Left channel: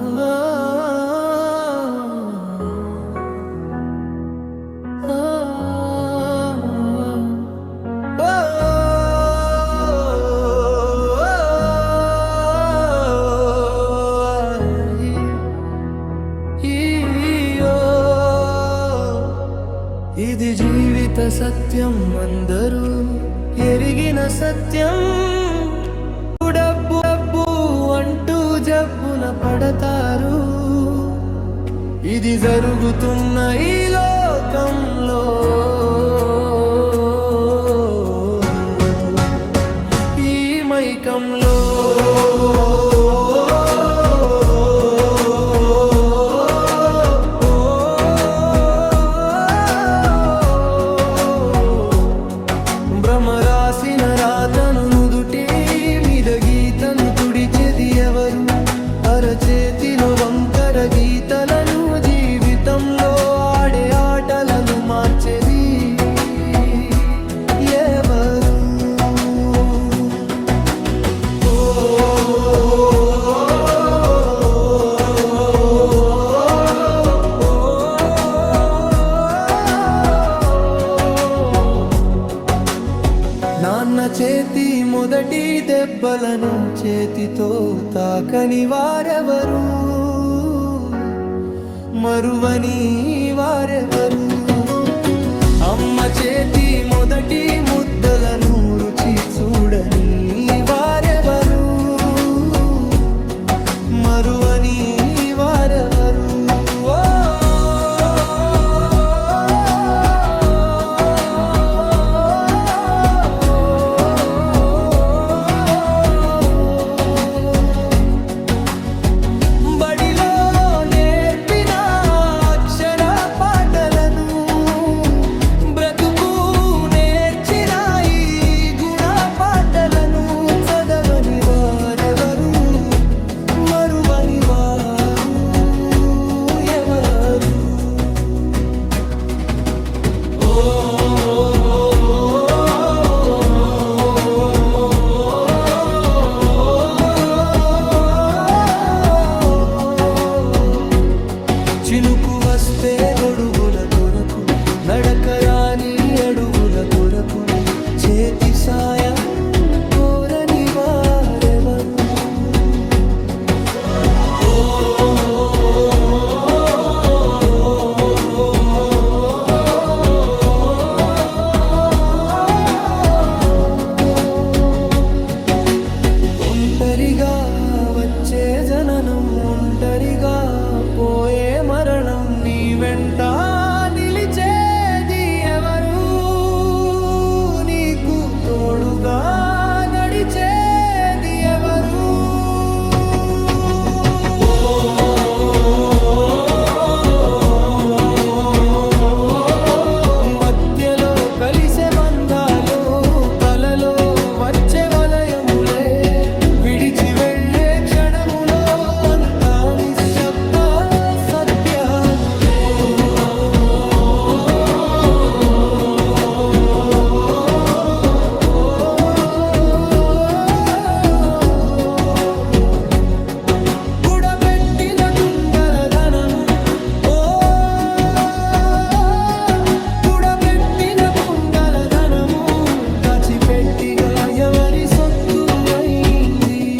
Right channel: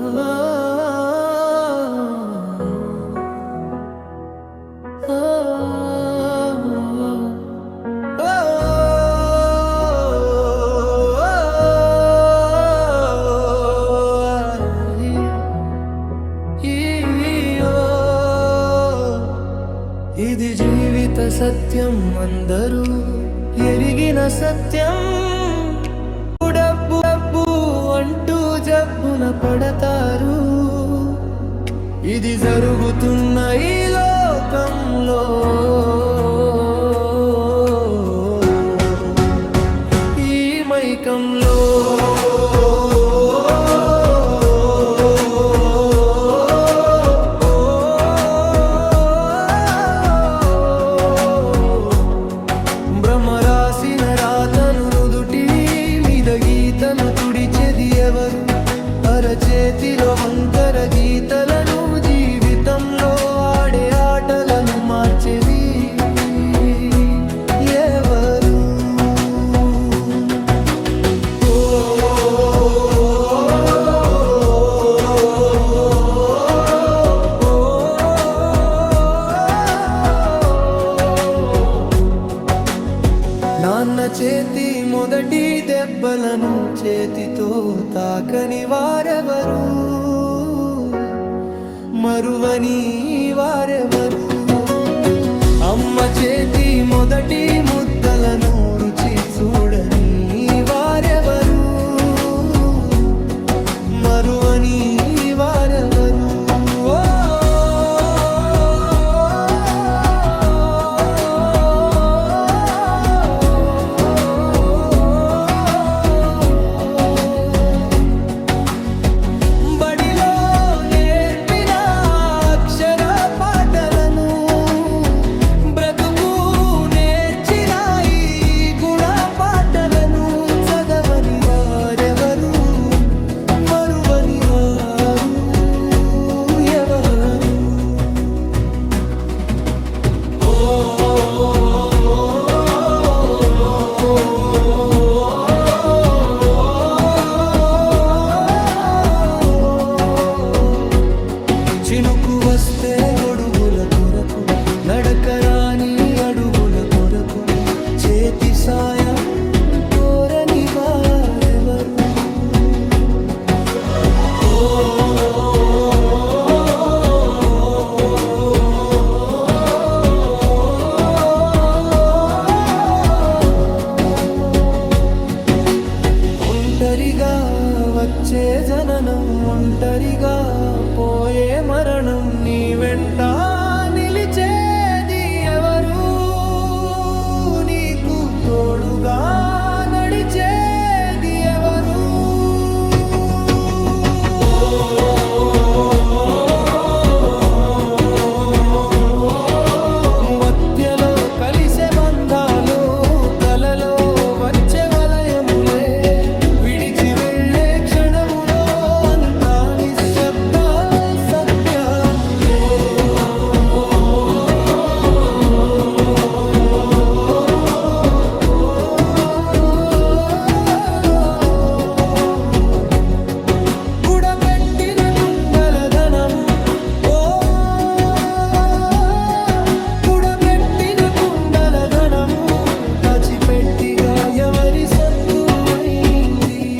ఇది జీవిత సత్యం అందరూ ఎరిగిన సత్యం. డబ్బు అంటూ జబ్బున పడతారు. ఇది జరుగుతున్న ఈ లోకంలో. ఈ మైకంలో. భ్రమరాసిన రాతను నుదుటి గీతను తుడిచెది ఎవరు? అరచేతిలో వంకర గీతలను జీవితంలో ఆడే ఆటలను మార్చేది ఎవరు? నాన్న చేతి మొదటి దెబ్బలను చేతితో తాకని వారెవరు? మరువని వారెవరు? అమ్మ చేతి మొదటి ముద్దలను రుచి చూడని వారెవరు? మరువని మరువని వారు ఎవరు? చినుకు వస్తే గొడుగుల కొరకు నడకరాని అడుగుల కొరకు చేతి సాయం కోరని వారెవరు? వచ్చే జననం ఒంటరిగా పోయే మరణం నీ వెంట నిలిచేది ఎవరు? నీకు తోడుగా నడిచేది ఎవరు? మధ్యలో కలిసే బంధాలు పెట్టిగా ఎవరి సొత్తు అయింది